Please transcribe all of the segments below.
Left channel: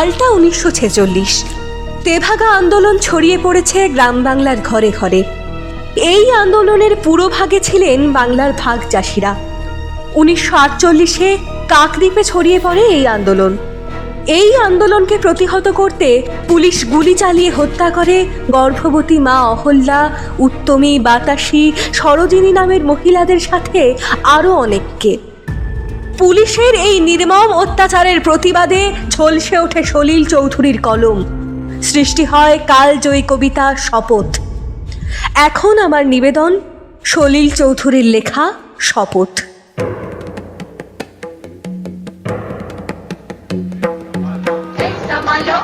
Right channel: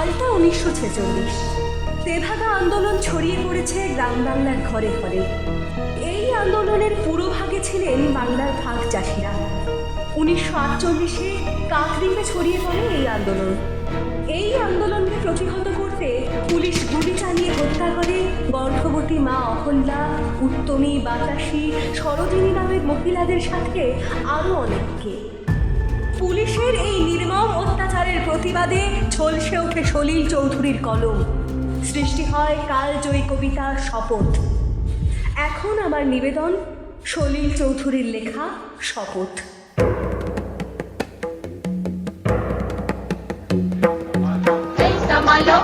সালটা উনিশশো ছেচল্লিশ। তেভাগা আন্দোলন ছড়িয়ে পড়েছে গ্রাম বাংলার ঘরে ঘরে। এই আন্দোলনের পুরোভাগে ছিলেন বাংলার ভাগ চাষিরা। উনিশশো আটচল্লিশে কাকদ্বীপে ছড়িয়ে পড়ে এই আন্দোলন। এই আন্দোলনকে প্রতিহত করতে পুলিশ গুলি চালিয়ে হত্যা করে গর্ভবতী মা অহল্যা, উত্তমী বাতাসী, সরোজিনী নামের মহিলাদের সাথে আরও অনেককে। পুলিশের এই নির্মম অত্যাচারের প্রতিবাদে ঝলসে ওঠে সলিল চৌধুরীর কলম। সৃষ্টি হয় কালজয়ী কবিতা শপথ। এখন আমার নিবেদন সলিল চৌধুরীর লেখা শপথ। সামালো,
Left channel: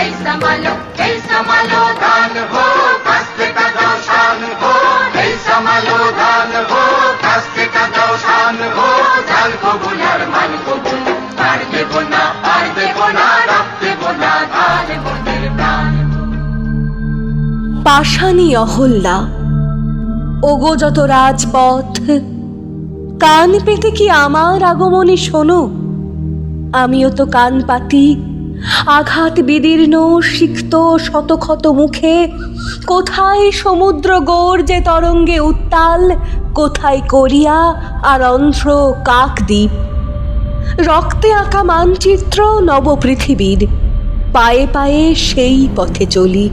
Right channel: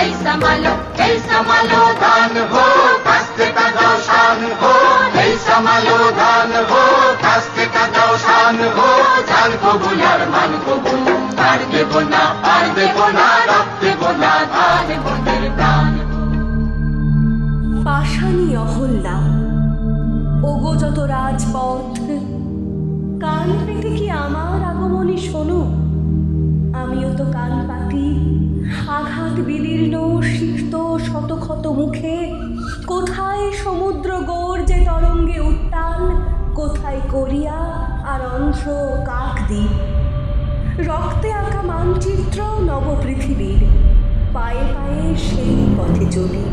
এই সামালো এই সামালো এই সামালো হো কবুল মান কবুল। আর দেব না আর না প্রাণ। অহল্যা, ওগো যত রাজপথ। কান পেতে কি আমার আগমনী শোনো? আমিও তো কান পাতি, আঘাত বিদীর্ণ, সিক্ত শতক্ষত মুখে। কোথায় সমুদ্র গর্জে তরঙ্গে উত্তাল, কোথায় করিয়া আর অন্ধ্র কাকদ্বীপ। রক্তে আঁকা মানচিত্র নবপৃথিবীর। পায়ে পায়ে সেই পথে চলি।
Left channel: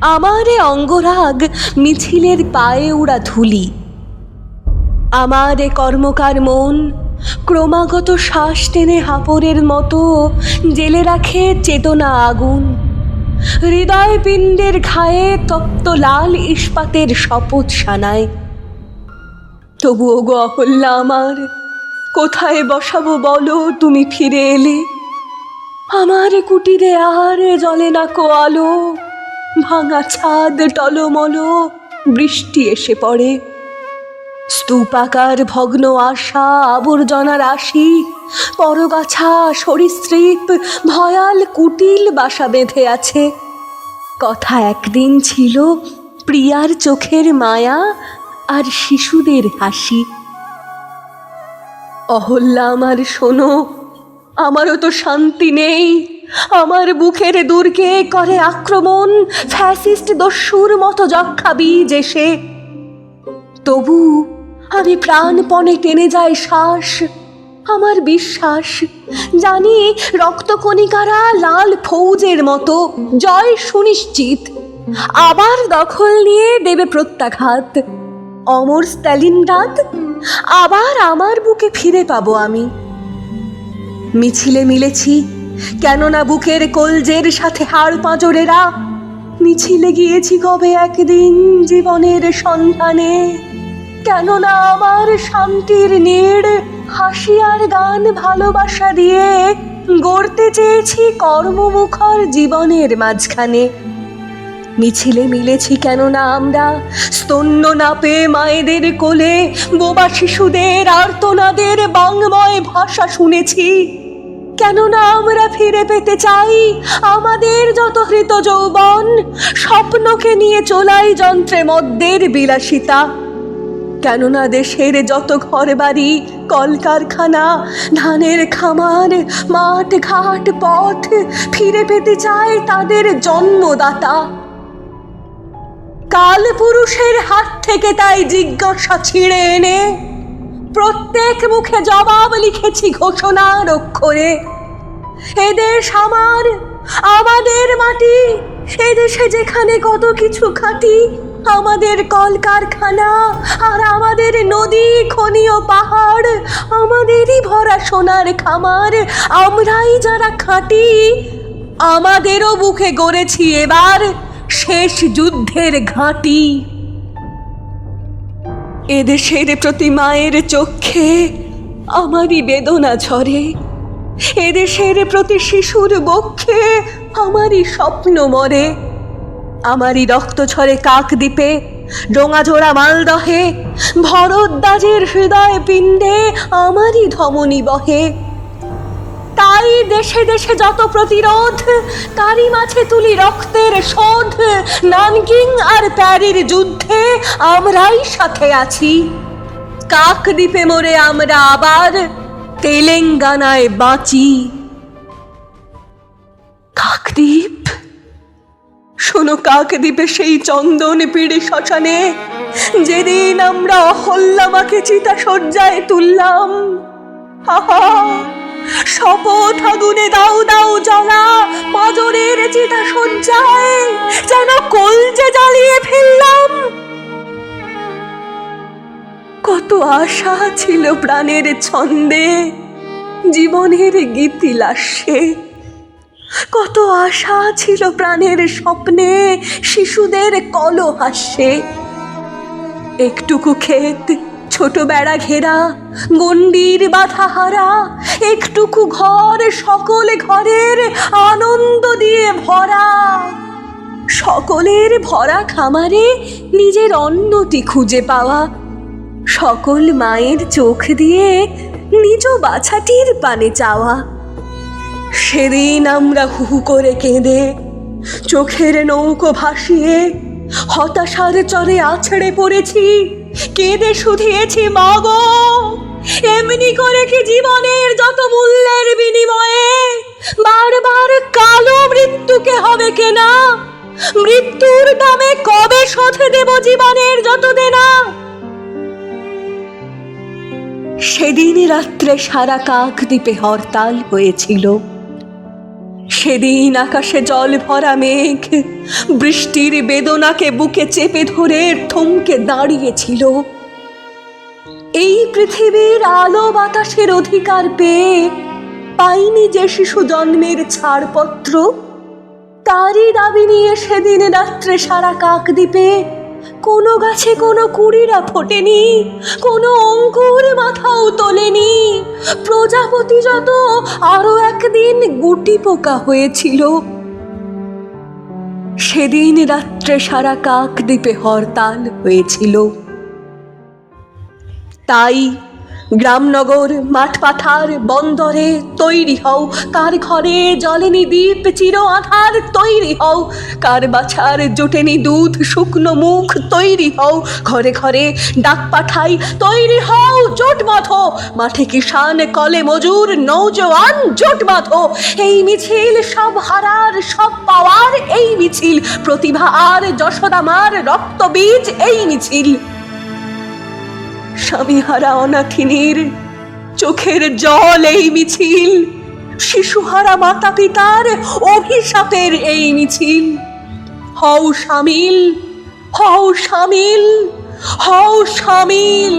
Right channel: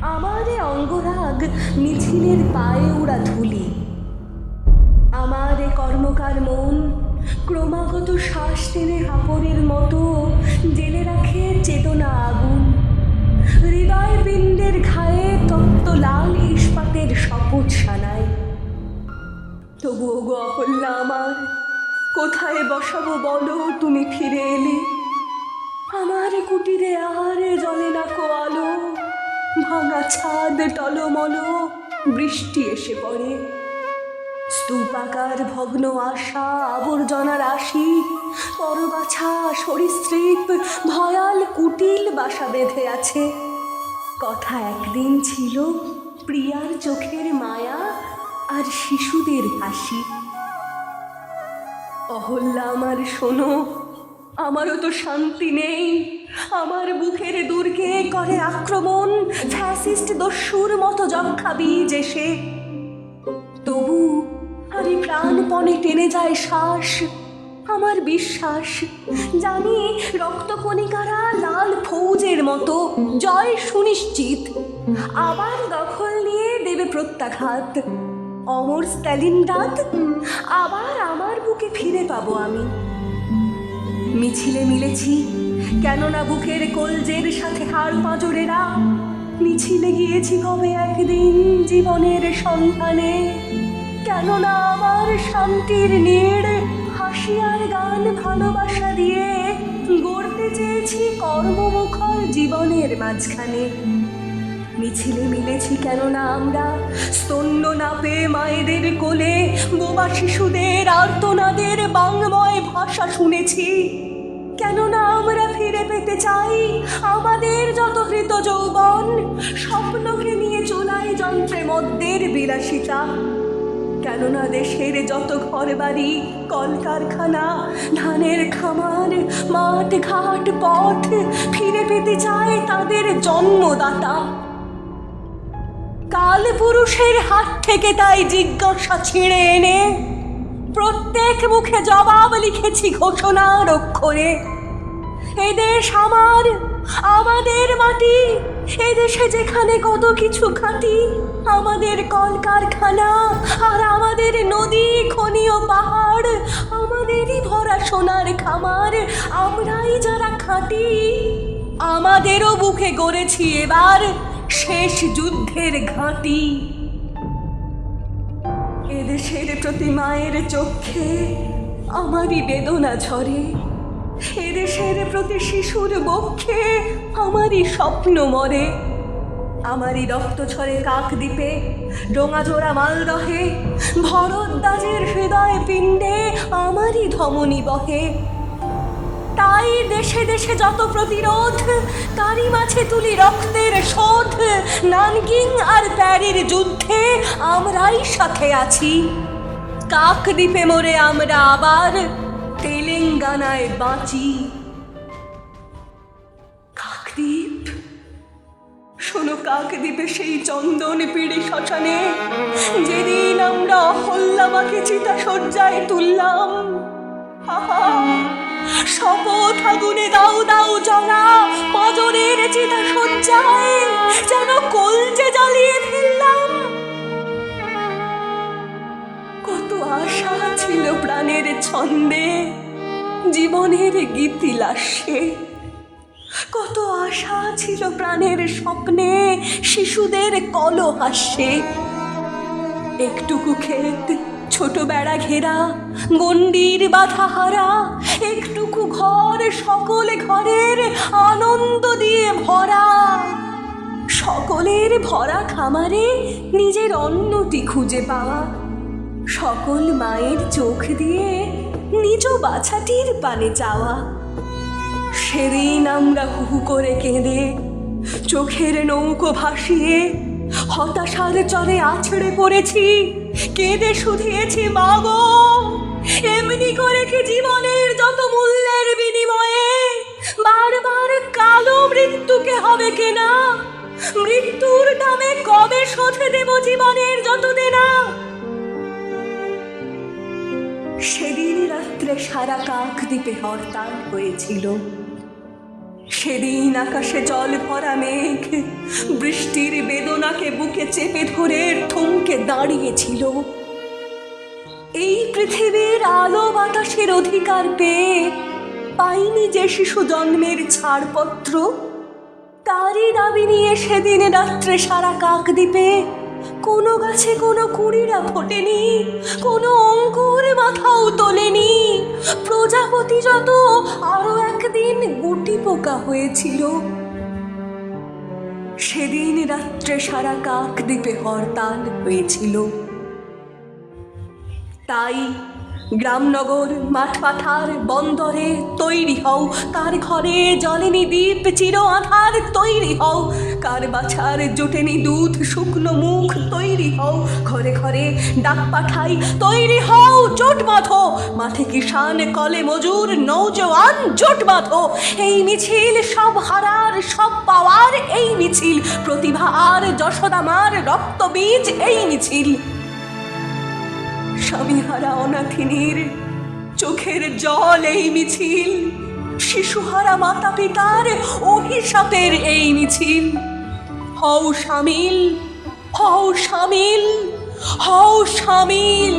আমারে অঙ্গরাগ মিছিলের পায়ে উড়া ধুলি। আমারে কর্মকার মন ক্রমাগত শ্বাস টেনে হাপরের মতো জেলে রাখে চেতনা আগুন। হৃদয় পিণ্ডের ঘায়ে তপ্ত লাল ইস্পাতের শপথ সানায়। তবুও গো অহল্যা আমার, কোথায় বসাবো বলো, তুমি ফিরে এলে। আমার কুটিরে আর জলে না কো আলো, ভাঙা ছাদ, টলমল, বৃষ্টি এসে পড়ে। স্তূপাকার ভগ্ন আশা আবর্জনা রাশি পরগাছা, সরীসৃপ, ভয়াল কুটিল বাসা বেঁধে আছে। কথা একদিন ছিল, প্রিয়ার চোখের মায়া আর শিশুদের হাসি। অহল্যা আমার, শোনো, আমারও তো শান্তি নেই। আমার বুকের দুর্গে করে আক্রমণ, ফ্যাসিস্ট দস্যুর মতো যক্ষা বীজ এসে। তবু আমি প্রাণপণে টেনে যায় শ্বাস, আমার বিশ্বাস, জানি রক্তকণিকারা লাল ফৌজের মতো। জয় সুনিশ্চিত, আবার দখল নিয়ে দেবে প্রত্যাঘাত। অমর স্ট্যালিনগ্রাদ আবার আমার বুকে ফিরে পাবো আমি। মিছিলে মিলেছি, কেননা বুকের কলজের সাথে হাড় পাঁজরেরা মিছিলে গিয়েছি কবে একদিন জীবনের সন্ধানে? কেননা আমার শান্তির নীড় হাসি আর গান ভালোবাসা দিয়ে গড়তে চেয়েছি কর্মমুখর জীবনের মাঝখানে। মিছিলে মিলেছি কেননা আমরা? স্তন্য না পেয়ে মায়েদের কোলে, বোবা শিশুদের আর্তনাদের বাংময় ভাষা শুনেছি। কেননা আমরা ফিরে পেতে চাই আমাদের যত হৃত যৌবন, স্বপ্নকে নিয়ে চলাই যন্ত্রে মদ্যের বিলাসিতা। কেননা দেশের যত ঘর বাড়ি কলকারখানা, ধানের খামার মাঠ ঘাট পথ ফিরে পেতে চায় তাদের জন্মদাতা। কাল পুরুষের হাত থেকে তাই জিজ্ঞাসা ছিঁড়ে এনে প্রত্যেক মুখে জবাব লিখেছি ঘোষণার অক্ষরে। এদেশ আমার আমাদের মাটি এদেশে যেখানে কত কিছু খাটি, আমাদের কলকারখানা আর আমাদের নদী, খনি ও পাহাড়, আমাদেরই ভরা সোনার খামার, আমরাই যারা খাটি, আমাদেরও বুকে গড়েছি এবার শেষ যুদ্ধের ঘাঁটি। এদেশের প্রতি মায়ের চক্ষে আমারই বেদনা ঝরে। এদেশের প্রতি শিশুর বক্ষে আমারই স্বপ্ন মরে। আমারই রক্ত ঝরে কাকদ্বীপে ডোঙাজোড়া মালদহে ভরদ্বাজের হৃদয় পিণ্ডে আমারই ধমনী বহে। তাই দেশে দেশে যত প্রতিরোধ তারই মাঝে তুলি রক্তের শোধ। নানকিং আর প্যারির যুদ্ধে আমরাই সাথে আছি। কাকদ্বীপে মোরে আমরা আবার তেলেঙ্গানায় বাঁচি। কাকদ্বীপ শোনো কাকদ্বীপে সেই চন্দন পিড়ে শ্মশানে। যেদিন আমরা অহল্লামাকে চিতা সজ্জায় তুললাম। আহা, শপথ আগুনে দাও দাও জ্বলা চিতা যেন কলজে জ্বালিয়ে ফেললাম। কত আশা ছিল প্রাণের ছন্দে, জীবনের গীতিলাস্যে কত আশা ছিল প্রাণের স্বপ্নে, শিশুদের কলহাস্যে। একটুকু ক্ষেত ছোট বেড়া ঘেরা বাধা হারা একটুকু ঘর সকলে ঘরের আনন্দ দিয়ে ভরা। সকলের ভরা খামারে নিজের অন্নটি খুঁজে পাওয়া। সকল মায়ের চোখ দিয়ে নিজ বাছাটির পানে চাওয়া। সেদিন আমরা হুহু করে কেঁদে, চোখের নৌকো ভাসিয়ে, হতাশার চরে আছড়ে পড়েছি। কেঁদে শুধিয়েছি মাগো এমনি করে কি জীবনের যত মূল্যের বিনিময়ে বারবার কালো মৃত্যুকে হবে কেনা? মৃত্যুর দামে কবে শোধ দেব জীবনের যত দেনা? সেদিন রাত্রে সারা কাক দ্বীপে হরতাল হয়েছিল। সেদিন আকাশে জল ভরা মেঘ, বৃষ্টির বেদনাকে বুকে চেপে ধরে থমকে দাঁড়িয়েছিল। এই পৃথিবীর আলো বাতাসের অধিকার পেয়ে পাইনি যে শিশু জন্মের ছাড়পত্র, তারই দাবি নিয়ে সেদিন রাত্রে সারা কাক দ্বীপে কোনো গাছে কোনো কুড়িরা ফোটেনি, কোনো অঙ্কুর মাথাও তোলেনি। প্রজাপতি যত, আরও একদিন গুটি পোকা হয়েছিল। সেদিন রাত্রে সারা কাক দ্বীপে হরতাল হয়েছিল। তাই গ্রামনগর মাঠ পাথার বন্দরে তৈরি হও। তার ঘরে জলেনি দ্বীপ, চির আধার তৈরি হও। কার বাছার জোটেনি দুধ, শুকনো মুখ তৈরি হও। ঘরে ঘরে ডাক পাঠাই, তৈরি হও, জোট বাঁধো। মাঠে কিষান কলে মজুর, নৌজওয়ান জোট বাঁধো। এই মিছিল সব হারার, সব পাওয়ার এই মিছিল। প্রতিভা আর যশোদামার রক্তবীজ এই মিছিল। স্বামীহারা অনাথিনীর চোখের জল এই মিছিল। শিশুহারা মাতা পিতার অভিশাপের এই মিছিল। হও সামিল হও সামিল হও সামিল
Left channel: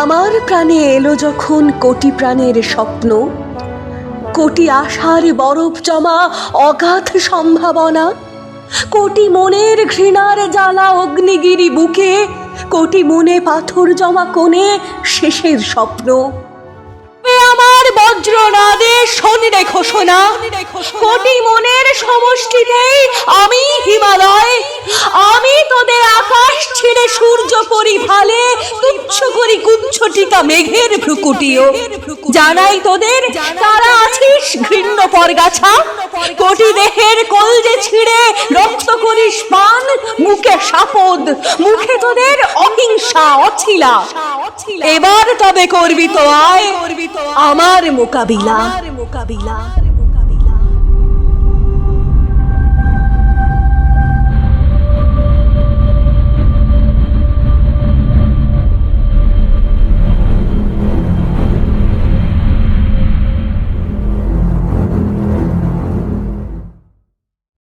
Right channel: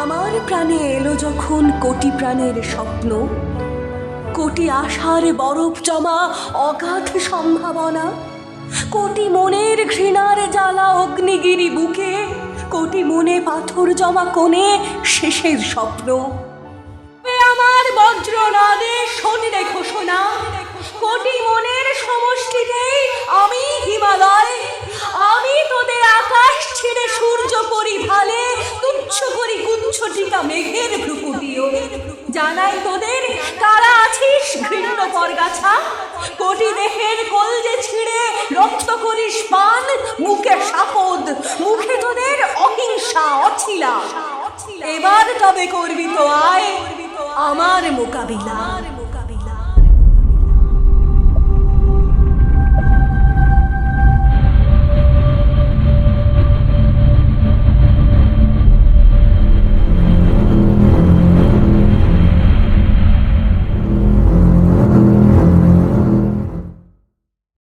আমার প্রাণে এলো যখন কোটি প্রাণের স্বপ্ন। কোটি আশার বরফ জমা অগাধ সম্ভাবনা। কোটি মনের ঘৃণার জ্বালা অগ্নিগিরি বুকে, কোটি মনে পাথর জমা কোণে শেষের স্বপ্ন। আমার বজ্র নাদে শোনে রেখো শোনা কোটি মনের সমষ্টিতেই আমি হিমালয়। আমি তোদের আকাশ ছেড়ে সূর্য পরিভালে তুচ্ছ করি কুচ্ছ টিকা মেঘের ভ্রুকুটিও। জানাই তোদের ঘৃণ্য পরগাছা কোটি দেহের কলজে ছিঁড়ে, রক্ত করিস পান, মুখে সাপদ, মুখে তোদের অহিংসা, অছিলা। এবার তবে করবি তো আয়, আমার মোকাবিলা মোকাবিলা।